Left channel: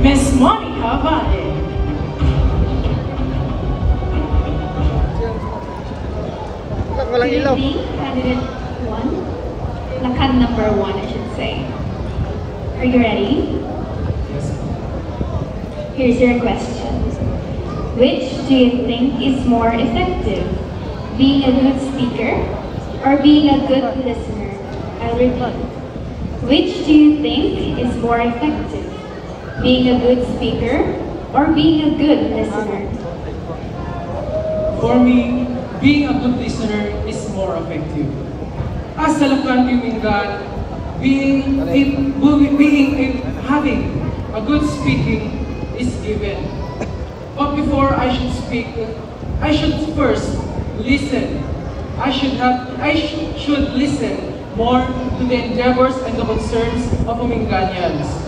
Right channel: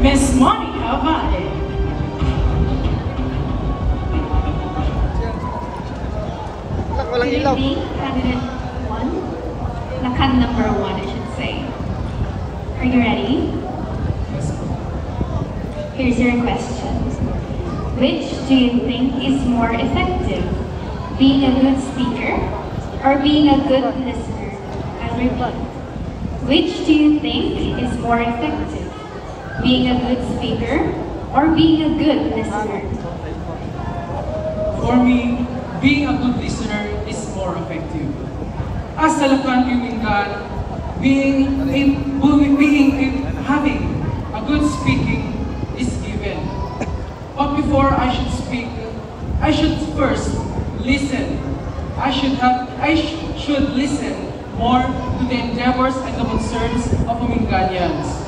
Miss Monica Vade. Walang ilaw. Candidate 1. Lakan number 1, I should say. Are you ready? Yes. Here's your question. Which do you think is more effective? Being a good speaker or being a good listener? I repeat. Which do you think is more effective? Being a good speaker or being a good listener? For me, being a good listener is more effective. As a Lakan Pimingan, having a good speaking is given. But before I should speak, I should first listen. I should listen more to the endeavors and the concerns of Pamingganians.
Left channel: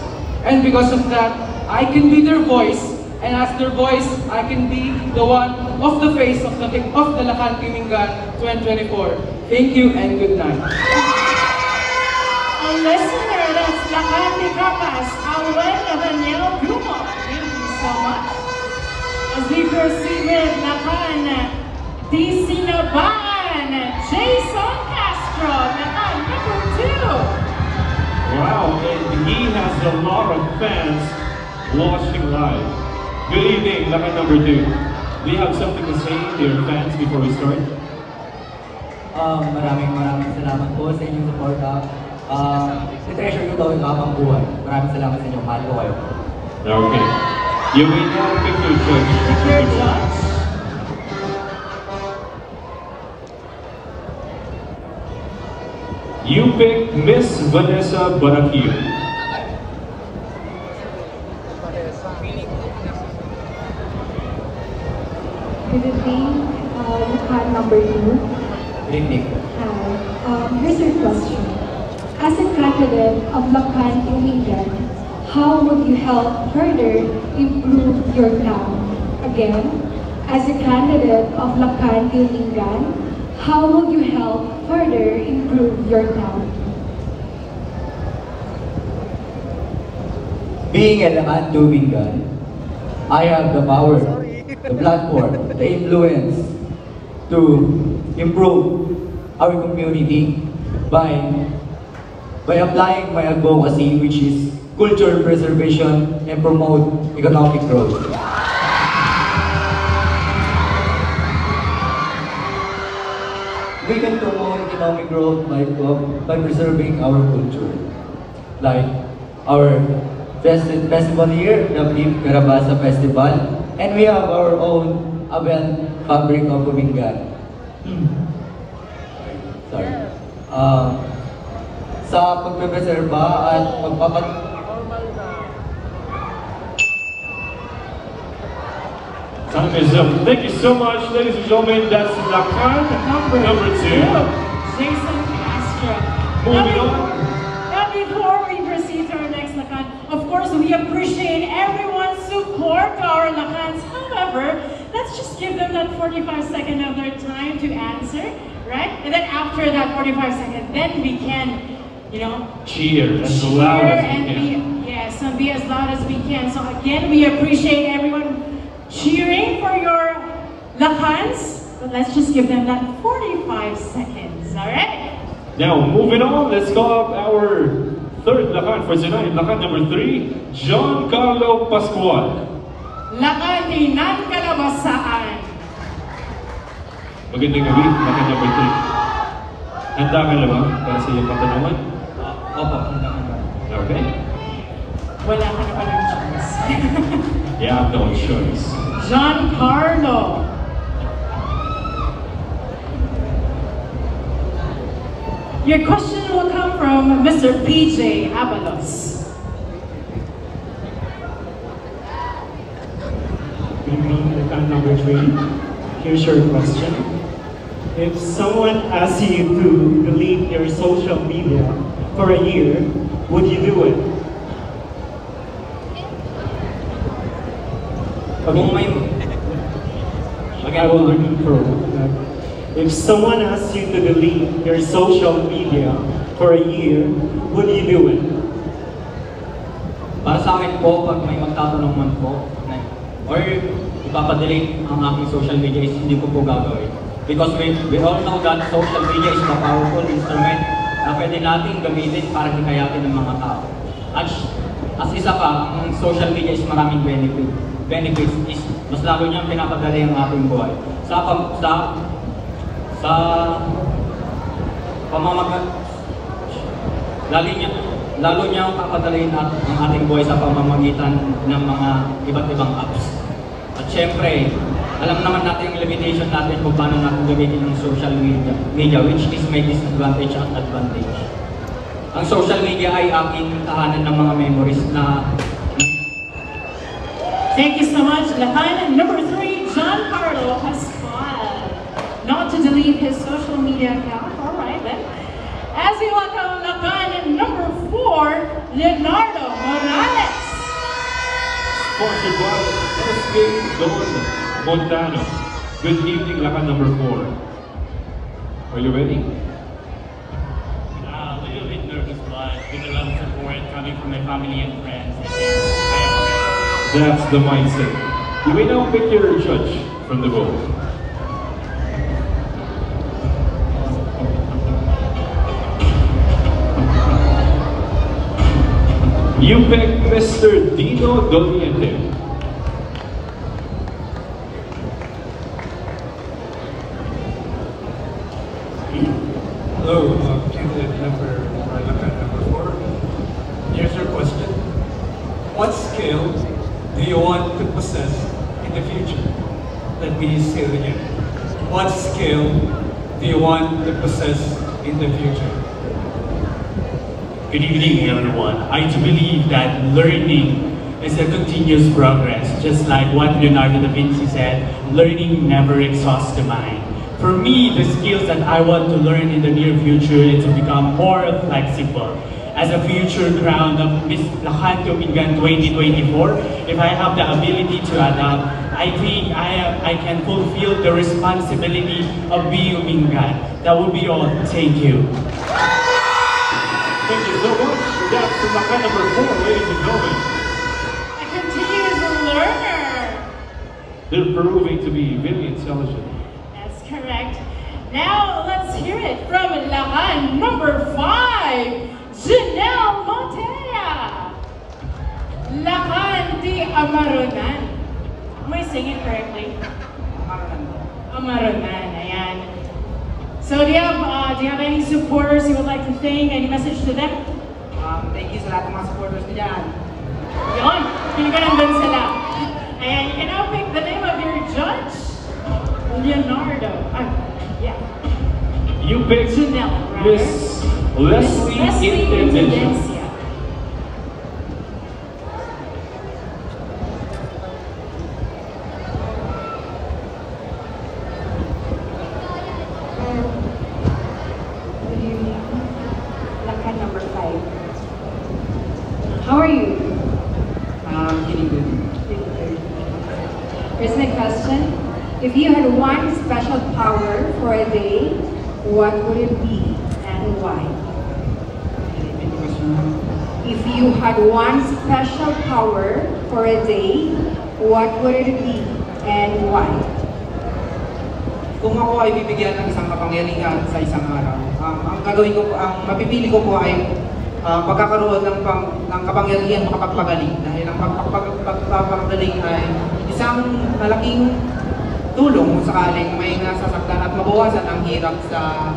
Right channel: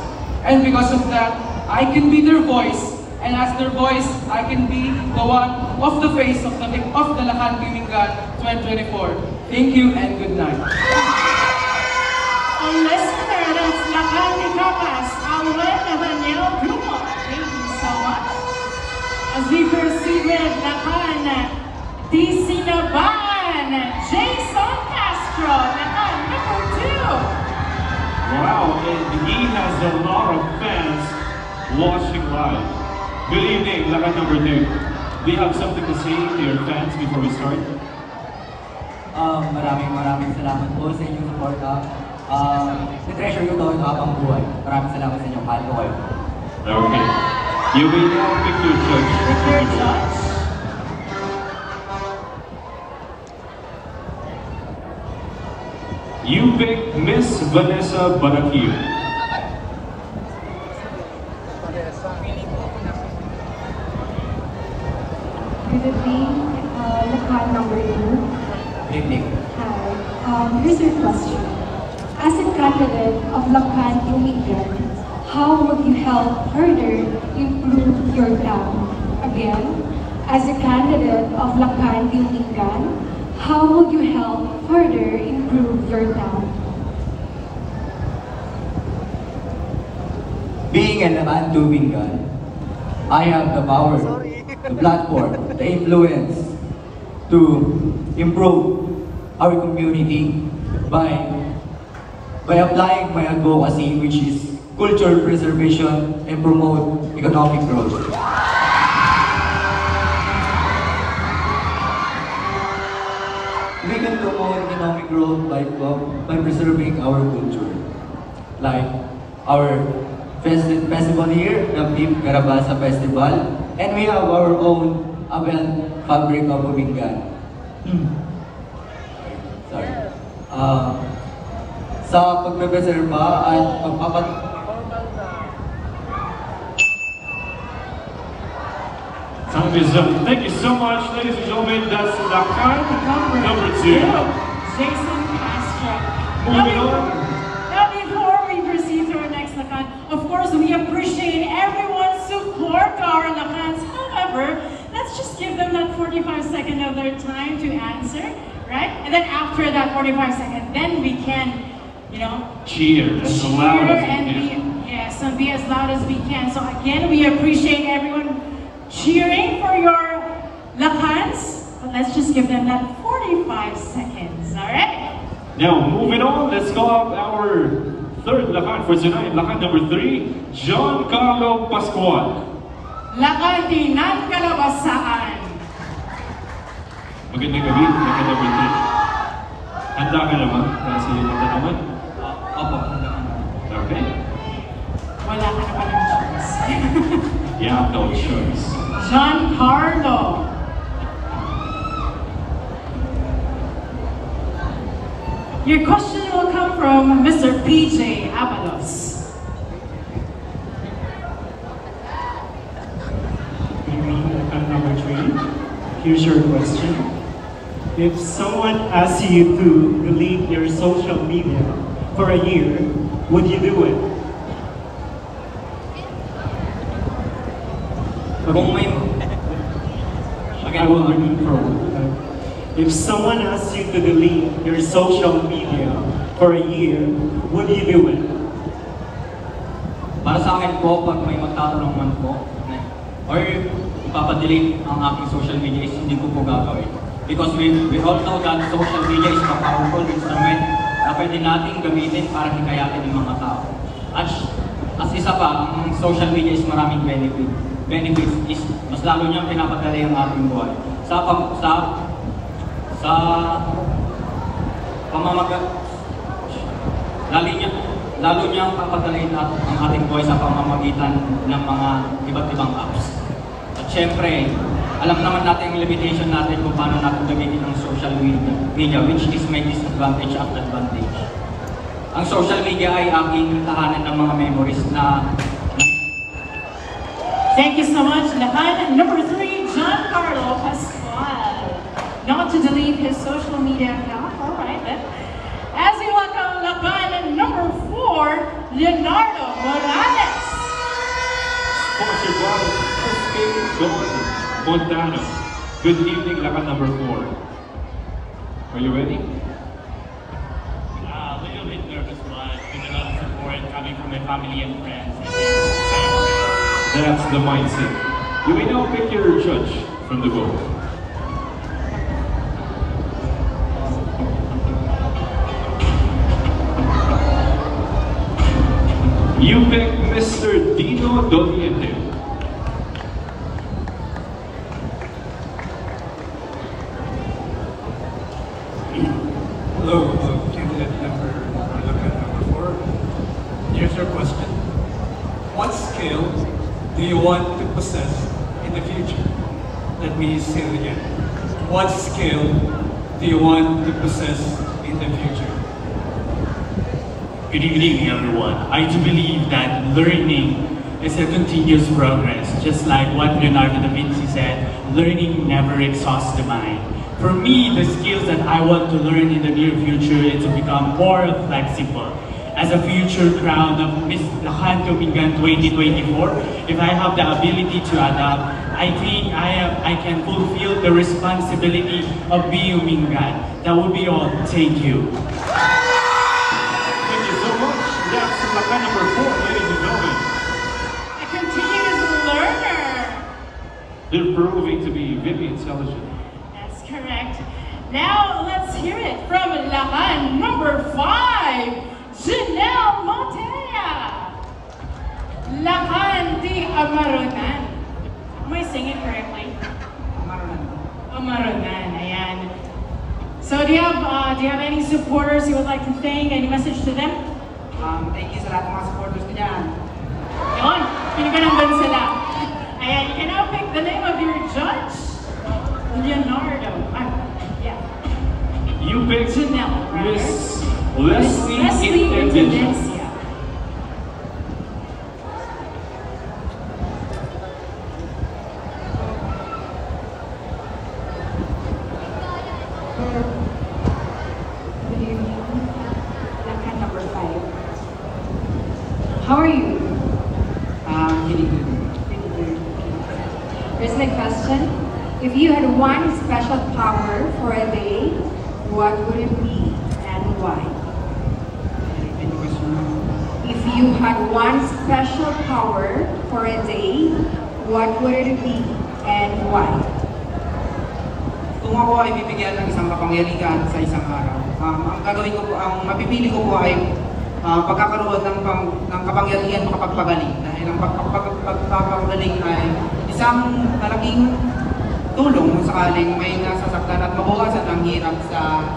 And because of that, I can be their voice, and as their voice, I can be the one of the face of the Lakan Pimingan 2024. Thank you and good night. A listener, that's Lakan Picapas, Awen Daniel Dumo. Thank you so much. As we proceed with Lakan Disinaban, Jason Castro, Lakan number 2. Wow, and he has a lot of fans watching live. Good evening, Lakan number 2. Do you have something to say to your fans before we start? Maraming salamat po sa inyong suporta. Na-treasure ko ito habang buhay. Maraming salamat sa inyo. Mahal ko kayo. Okay. You will now pick your judge. You pick Miss Vanessa Barakio. Good evening, Lakan number 2. Good evening. Hi. Here's your question. As a candidate of Lakan Pimingan, how would you help further improve your town? Again, as a candidate of Lakan Pimingan, how would you help further improve your town? Being a Lakan Pimingan, I have the power, the platform, the influence to improve our community by applying my advocacy, which is culture preservation and promote economic growth. We can promote economic growth by preserving our culture. Like our festival here, the Beef Carabasa Festival, and we have our own Aben Fabric of Pimingan. Sorry. Sa pagpreserba at Time is up. Thank you so much, ladies and gentlemen. That's Lakan number 2. Jason Castro. Moving on. Now before we proceed to our next Lakan, of course we appreciate everyone's support to our Lakans. However, let's just give them that 45 seconds of their time to answer, right? And then after that 45 seconds, then we can, Cheer as loud as we can. and be as loud as we can. So again, we appreciate everyone cheering for your Lakans. But let's just give them that 45 seconds, all right? Now, moving on, let's call up our third Lakan for tonight. Lakan number 3, John Carlo Pascual. Lakan ng Kalabasaan. Magandang gabi, Lakan number 3. Handa ka na ba para sa iyong patanungan? Opo, Okay. Wala ka na palang chance. You have no choice. John Carlo. Your question will come from Mr. PJ Abalos. Good evening, Lakan number 3. Here's your question. If someone asks you to delete your social media for a year, would you do it? I will read it for if someone asks you to delete your social media for a year, would you do it? Para sa akin po pag may magtatanong man po, or ipapadelete ang aking social media is hindi ko po gagawin. Because we all know that social media is a powerful instrument na pwede natin gamitin para hikayatin ng mga tao. As isa pa, ang social media is maraming benefits is mas lalo niyang pinapadali ang ating buhay. Sa pamamagitan, lalo niyang papadaliin ang ating buhay sa pamamagitan ng mga iba't ibang apps. At syempre, alam naman natin ang limitation natin kung paano natin gamitin ang social media, which is may disadvantage at advantage. Ang social media ay aking tahanan ng mga memories na... Thank you so much, Lakan. Number 3, Giancarlo Pascual. Not to delete his social media account. All right, then. As we welcome Lakan, number 4, Leonardo Morales. Sponsored by SK Montano. Good evening, Lakan number 4. Are you ready? A little bit nervous, but with a lot of support coming from my family and friends, I think I am ready. That's the mindset. You may now pick your judge from the vote. You pick Mr. Dino Doliente. Hello, candidate number 4. Here's your question. What skill do you want to possess in the future? Let me say it again. What skill do you want to possess in the future? Good evening, everyone. I do believe that learning is a continuous progress. Just like what Leonardo da Vinci said, learning never exhausts the mind. For me, the skills that I want to learn in the near future is to become more flexible. As a future crown of Miss Lakan Tumingan 2024, if I have the ability to adapt, I think I can fulfill the responsibility of being Mingan. That would be all. Thank you. Thank you so much. That's Lakan number 4, ladies and gentlemen. A continuous learner. They're proving to be very intelligent. That's correct. Now, let's hear it from Lakan number 5, Janelle Montea. Lakan di Amaronan. Am I saying it correctly? Amaronan, ayan. So do you have any supporters you would like to thank? Any message to them? Thank you sa lahat ng mga supporters ko dyan. Yun, pinagandun sila. Ayan, you can now pick the name of your judge, Leonardo. Yeah. You picked Janelle, right? Miss Leslie Intendencia. Lakan number 5. How are you? Really good. Here's my question. If you had one special power for a day, what would it be and why? If you had one special power for a day, what would it be and why? Kung ako ay bibigyan ng isang kapangyarihan sa isang araw, ang gagawin ko po, ang mapipili ko po ay pagkakaroon ng kapangyarihan makapagpagaling. Dahil ang pagpapagaling ay isang malaking tulong kung sakaling may nasasaktan at mabawasan ang hirap sa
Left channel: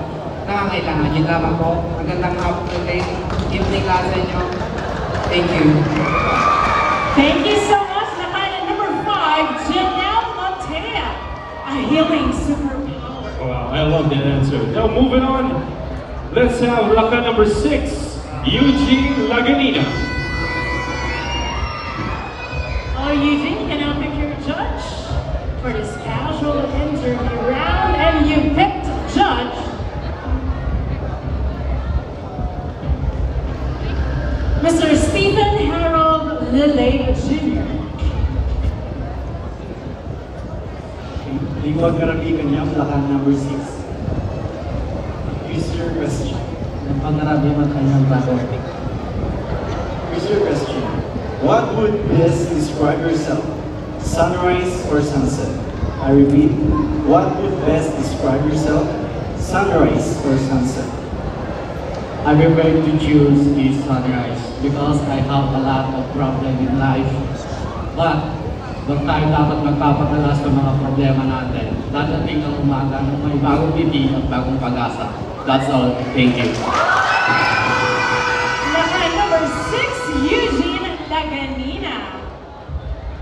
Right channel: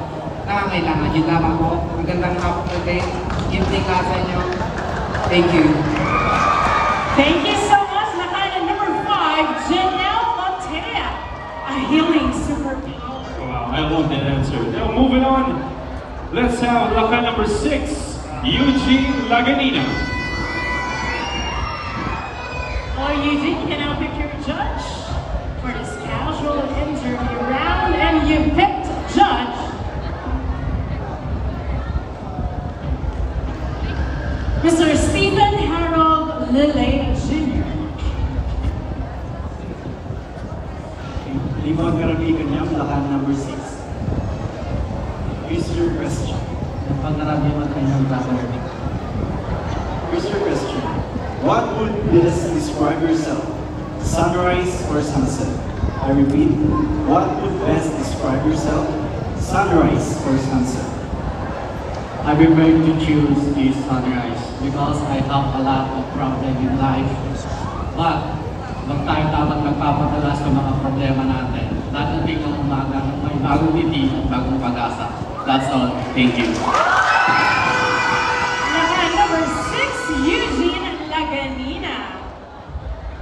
nangangailangan. Yun lamang po. Magandang hapon today. Evening lahat sa inyo. Thank you. Thank you so much, Lakan number 5, Janelle Montea. A healing superpower. Wow, I love that answer. Now moving on, let's have Lakan number 6, Eugene Laganina. Oh, Eugene, can now pick your judge for this casual interview round, and you picked judge Mr. Stephen Harold Lilley Jr. Libro Karabigan niya, Lakan number 6. Here's your question. Pangarabiman kanyang bago. Here's your question. What would best describe yourself? Sunrise or sunset? I repeat, what would best describe yourself? Sunrise or sunset? I prefer to choose the sunrise because I have a lot of problems in life. But, huwag tayo dapat magpapatalas sa mga problema natin. Dadating ang umaga ng may bagong ngiti at bagong pag-asa. That's all. Thank you. Lakan number 6, Eugene Laganina.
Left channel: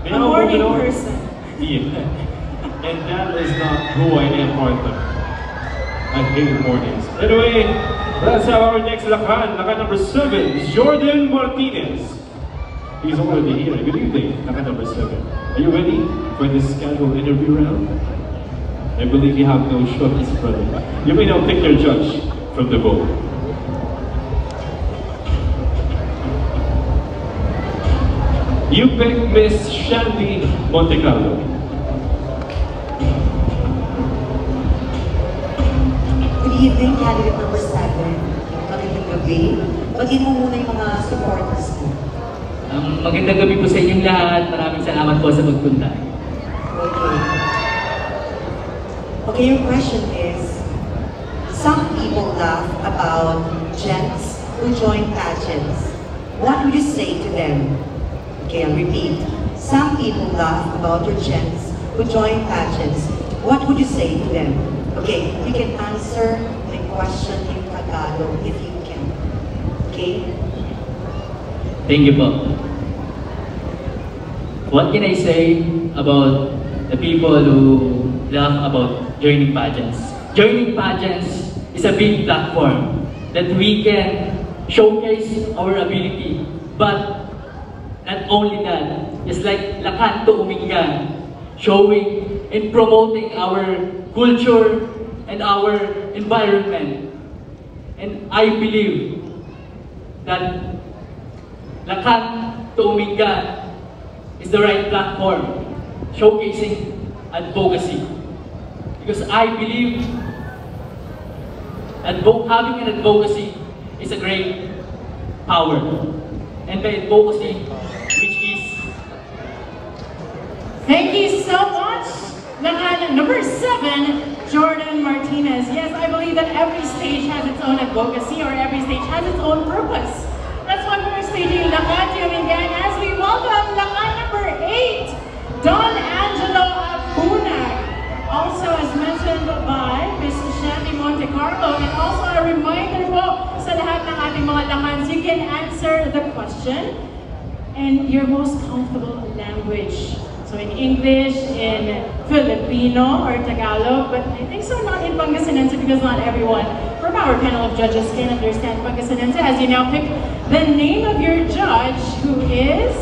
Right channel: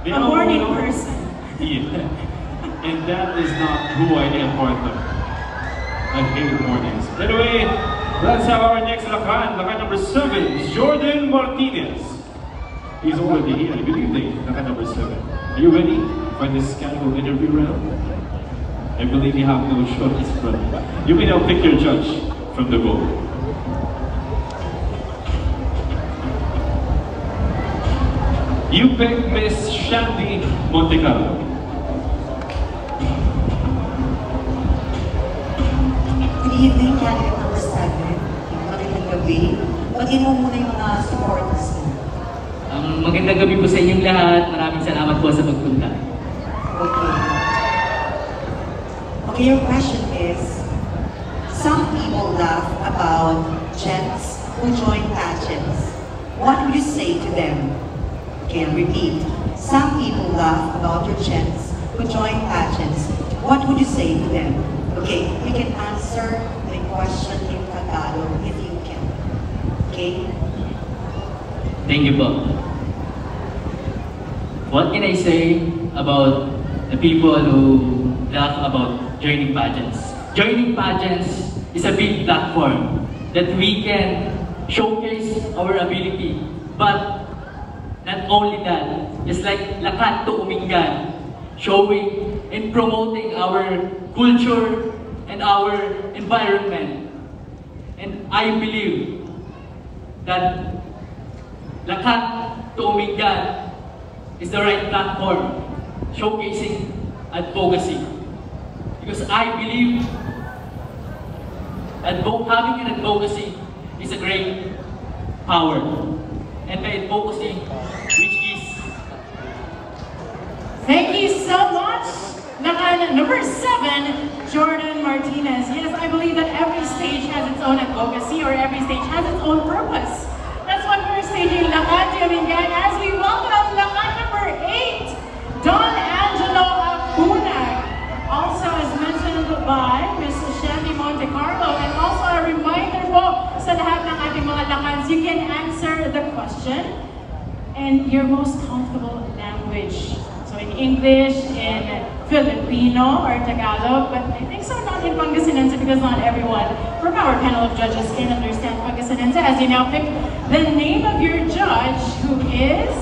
A know, morning you know, person. Yeah. And that is not who I am, partner. I hate mornings. Anyway, let's have our next Lakan. Lakan number 7, Jordan Martinez. He's already here. Good evening, Lakan number 7. Are you ready for this casual interview round? I believe you have no choice, brother. You may now pick your judge from the vote. You pick Miss Shandy Montecarlo. Good evening, candidate number 7. Magandang gabi. Pagin mo muna yung mga supporters mo. Magandang gabi po sa inyong lahat. Maraming salamat po sa pagpunta. Okay. Okay, your question is, some people laugh about gents who join pageants. What would you say to them? Okay, I'll repeat. Some people laugh about your gents who join pageants. What would you say to them? Okay, you can answer my question in Tagalog if you can. Okay? Thank you po. What can I say about the people who laugh about joining pageants? Joining pageants is a big platform that we can showcase our ability. But not only that, just like Lakan to Umingan, showing and promoting our culture and our environment. And I believe that Lakan to Umingan is the right platform, showcasing advocacy. Because I believe that having an advocacy is a great power. And the advocacy, which is... Thank you so much. Lakan number 7, Jordan Martinez. Yes, I believe that every stage has its own advocacy or every stage has its own purpose. That's why we're staging Lakan to Umingan as we welcome Lakan number 8, Don Angelo Abunag. Also, as mentioned by Mrs. Shandy Montecarlo, and also a reminder po sa lahat ng ating mga Lakans, you can answer the question in your most comfortable language. So in English, in Filipino, or Tagalog, but I think so not in Pangasinense because not everyone from our panel of judges can understand Pangasinense. As you now pick the name of your judge, who is...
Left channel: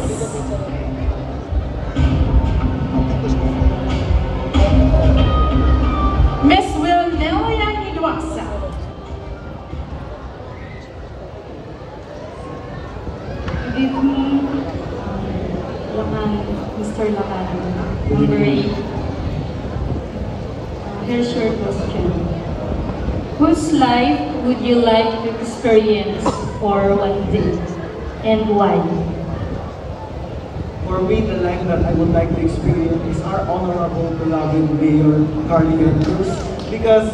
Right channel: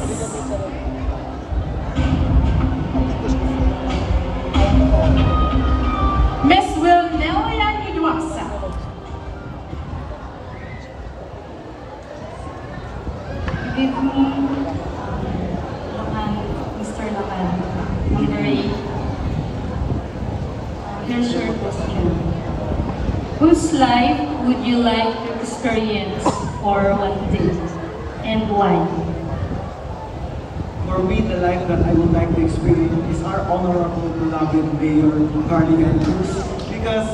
Miss Wilnelia Hidwasa. Good evening, Lakan, Mr. Lakan. Number 8. Here's your question. Whose life would you like to experience for one day, and why? For me, the life that I would like to experience is our honorable beloved Mayor Cardigan Cruz, because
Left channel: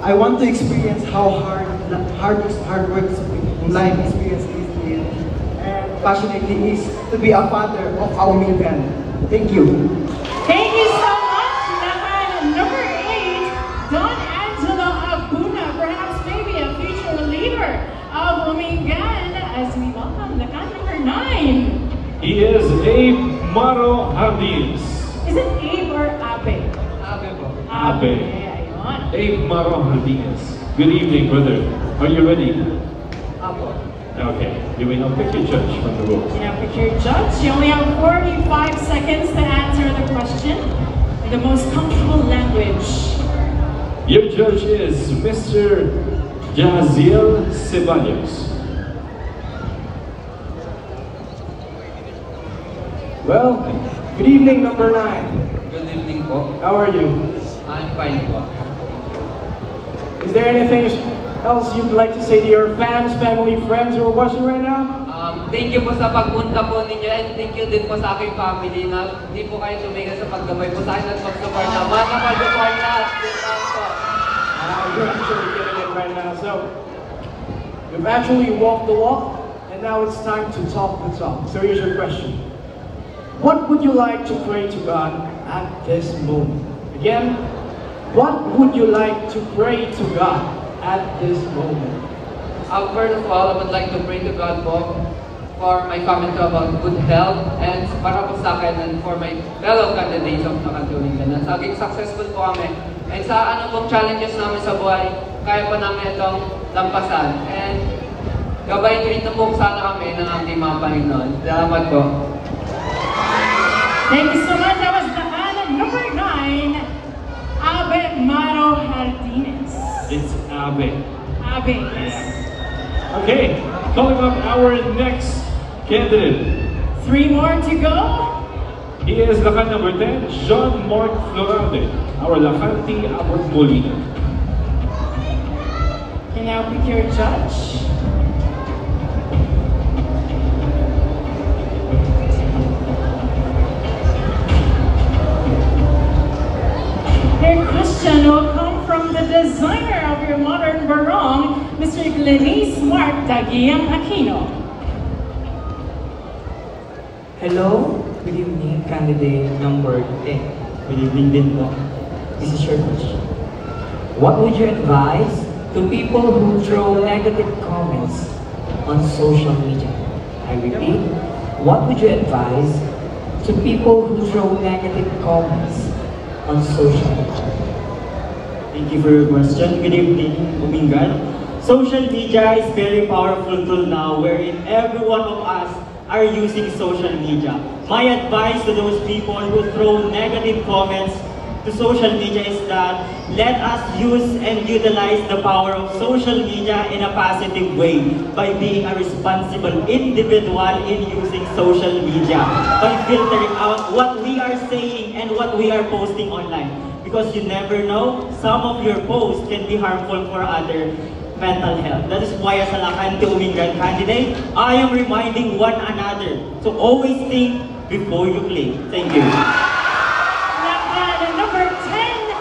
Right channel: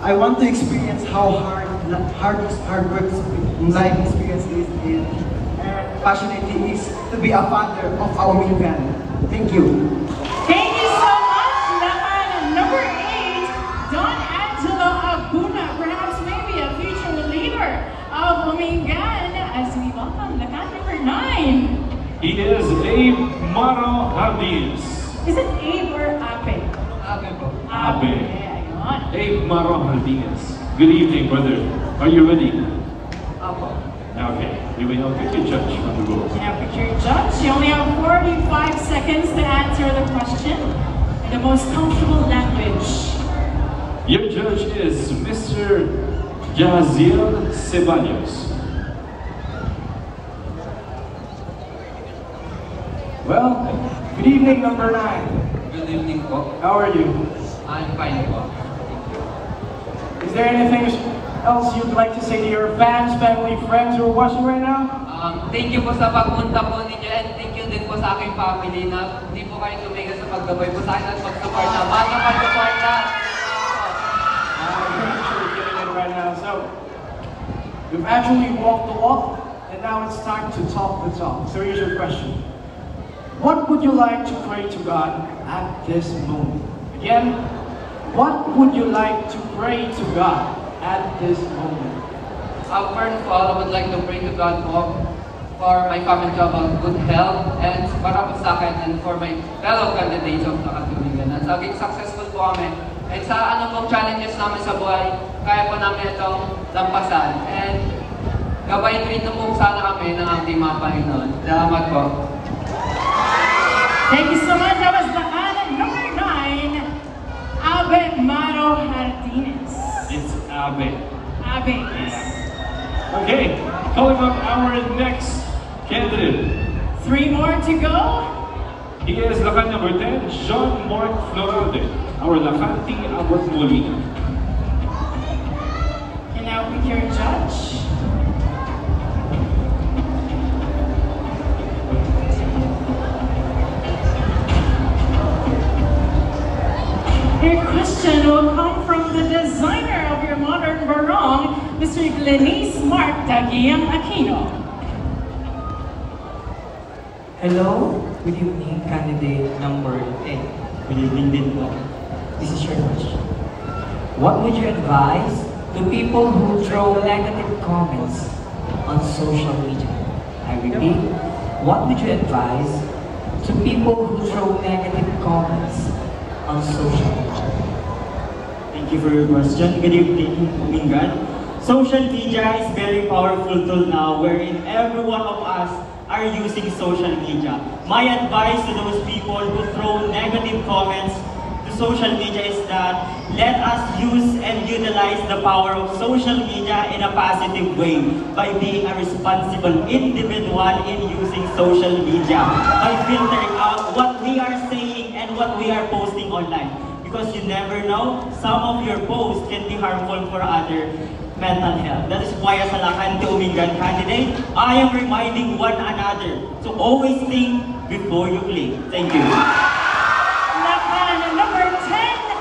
I want to experience how hard work life experience is, and passionately is to be a father of our Umingan. Thank you. Thank you so much, Lakan number 8, Don Angelo Abuna, perhaps maybe a future leader of Umingan, as we welcome Lakan number 9. He is Abe Maro Hardines. Is it Abe or Abe? Abe po. Abe. Ayun. Abe Maro Hardines. Good evening, brother. Are you ready? Apo. Okay. You may now pick your judge from the vote. Now pick your judge. You only have 45 seconds to answer the question in the most comfortable language. Your judge is Mr. Jaziel Ceballos. Well, good evening, number 9. Good evening po. How are you? I'm fine po. Is there anything else you'd like to say to your fans, family, friends who are watching right now? thank you po sa pagpunta po ninyo and thank you din po sa aking family na hindi po kayo tumigil sa paggamay po sa akin at pag-support na. Maraming pag-support na. You're actually giving it right now. So, you've actually walked the walk, and now it's time to talk the talk. So here's your question. What would you like to pray to God at this moment? Again, what would you like to pray to God at this moment? First of all, I would like to pray to God po for my family to have a good health and para po sa akin and for my fellow candidates of Nakatulingan. At saging successful po kami. And sa ano pong challenges namin sa buhay, kaya po namin itong lampasan. And gabayin rin na po sana kami ng ating mga Panginoon. Salamat po. Thank you so much. That was the number 9, Abe Maro Martinez. It's Abe. Abe. Yeah. Okay, calling up our next candidate. 3 more to go. He is Lakan number 10, Jean-Marc Florade, our Lakanti Abot Molina. And now pick your judge. Your question will come from the designer of your modern barong, Mr. Glenis Mark Dagiang Aquino. Hello, good evening, candidate number 10. Good evening din po. This is your question. What would you advise to people who throw negative comments on social media? I repeat, what would you advise to people who throw negative comments on social media? Thank you for your question. Good evening, Umingan. Social media is very powerful tool now wherein every one of us are using social media. My advice to those people who throw negative comments to social media is that let us use and utilize the power of social media in a positive way by being a responsible individual in using social media, by filtering out what we are saying and what we are posting online. Because you never know, some of your posts can be harmful for other mental health. That is why as a Lakanti Umingan candidate, I am reminding one another to always think before you click. Thank you. Number 10,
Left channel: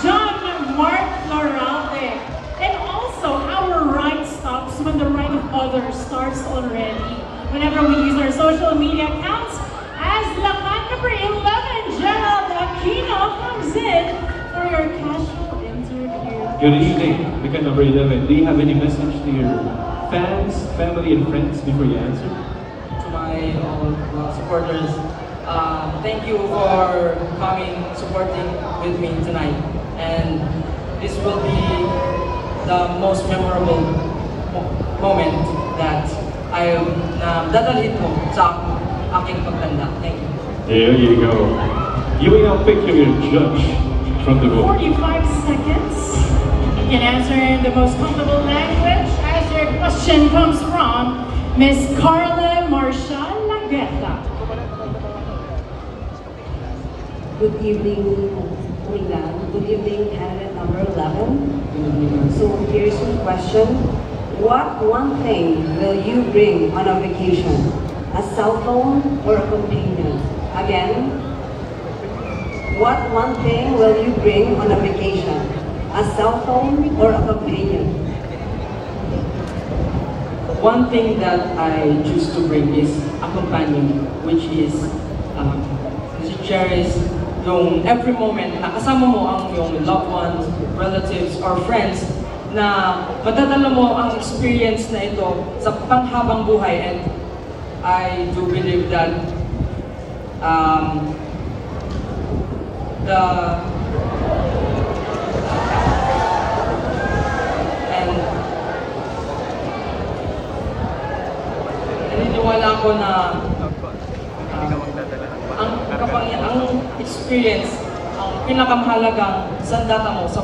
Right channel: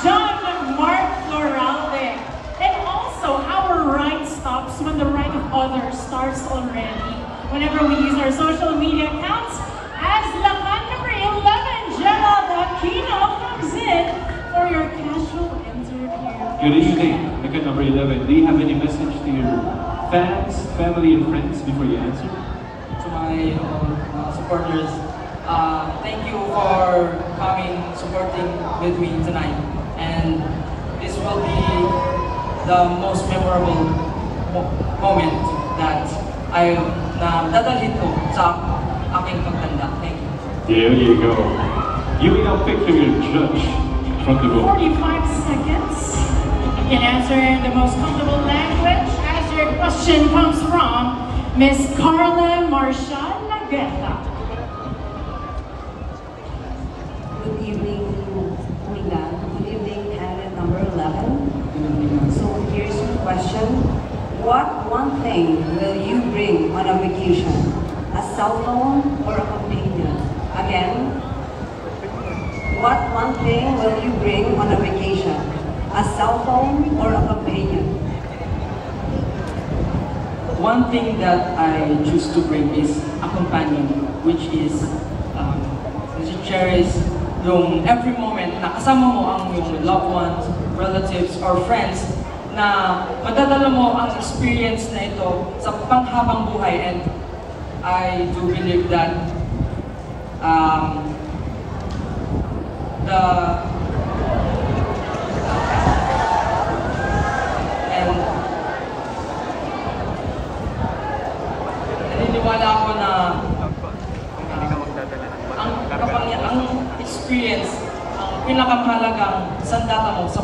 Jean-Marc Florade. And also, our right stops when the right of others starts already. Whenever we use our social media accounts, as Lakan number 11, Gerald Aquino comes in for your casual interview. Good evening, Lakan number 11. Do you have any message to your fans, family, and friends before you answer? To my supporters, thank you for coming, supporting with me tonight. And this will be the most memorable moment that I dadalhin ko sa aking pagtanda. Thank you. There you go. You may now pick your judge from the room. 45 seconds in answering the most comfortable language as your question comes from Miss Carla Marshall Laguerta. Good evening, Umingan. Good evening, candidate number 11. So here's your question. What one thing will you bring on a vacation? A cell phone or a companion? Again, what one thing will you bring on a vacation? A cell phone or a companion? One thing that I choose to bring is a companion, which is to cherish yung every moment na kasama mo ang yung loved ones, relatives, or friends na madadala mo ang experience na ito sa panghabang buhay. And I do believe that naniniwala ako na ang experience, ang pinakamahalagang sandata mo sa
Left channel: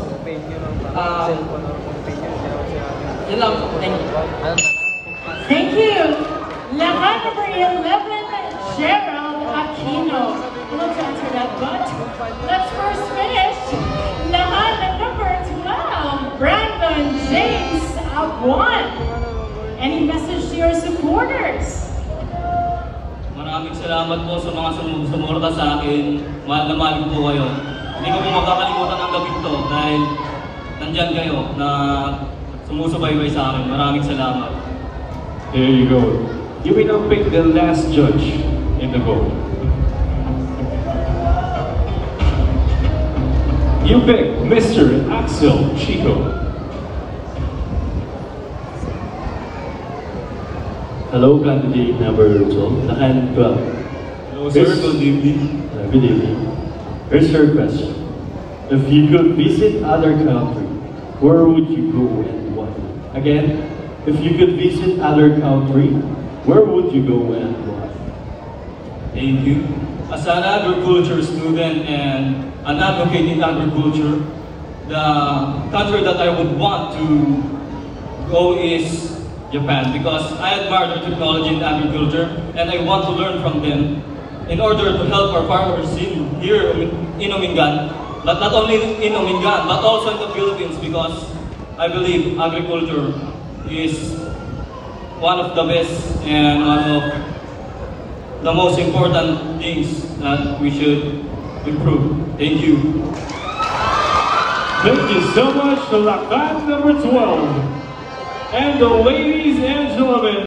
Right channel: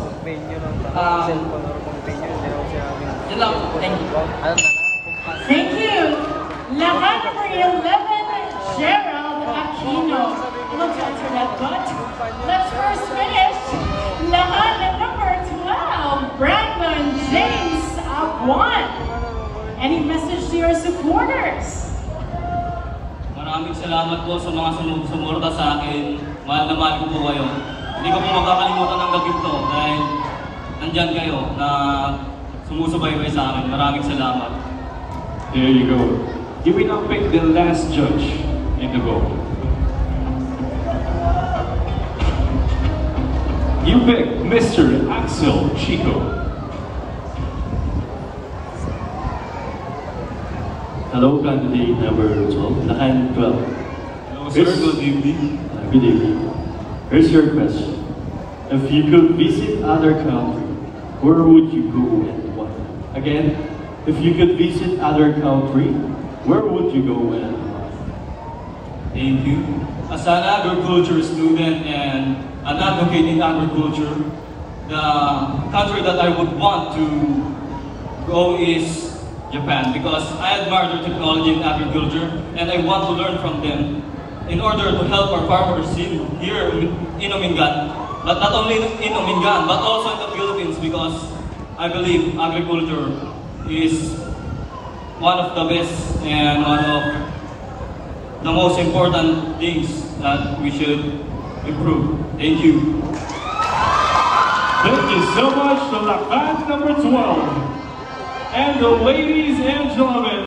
yun lang. Thank you. Thank you. Lakan number 11, Gerald Aquino. I want to answer that, but let's first finish. Lakan number 12, Brandon James Aguan. Any message to your supporters? salamat po sa mga sumuporta sa akin. Mahal na mahal ko po kayo. Hindi ko po makakalimutan ng gabi to dahil nandyan kayo na sumusubaybay sa akin. Maraming salamat. There you go. You will now pick the last judge in the vote. You pick Mr. Axel Chico. Hello, candidate number 12. Lakan 12. Hello, sir. Good evening. Good evening. Here's your question. If you could visit other country, where would you go and why? Again, if you could visit other country, where would you go and why? Thank you. As an agriculture student and an advocate in agriculture, the country that I would want to go is Japan, because I admire their technology in agriculture and I want to learn from them in order to help our farmers here in Omingan, but not only in Omingan, but also in the Philippines, because I believe agriculture is one of the best and one of the most important things that we should improve. Thank you. Thank you so much to Lakan number 12. And ladies and gentlemen,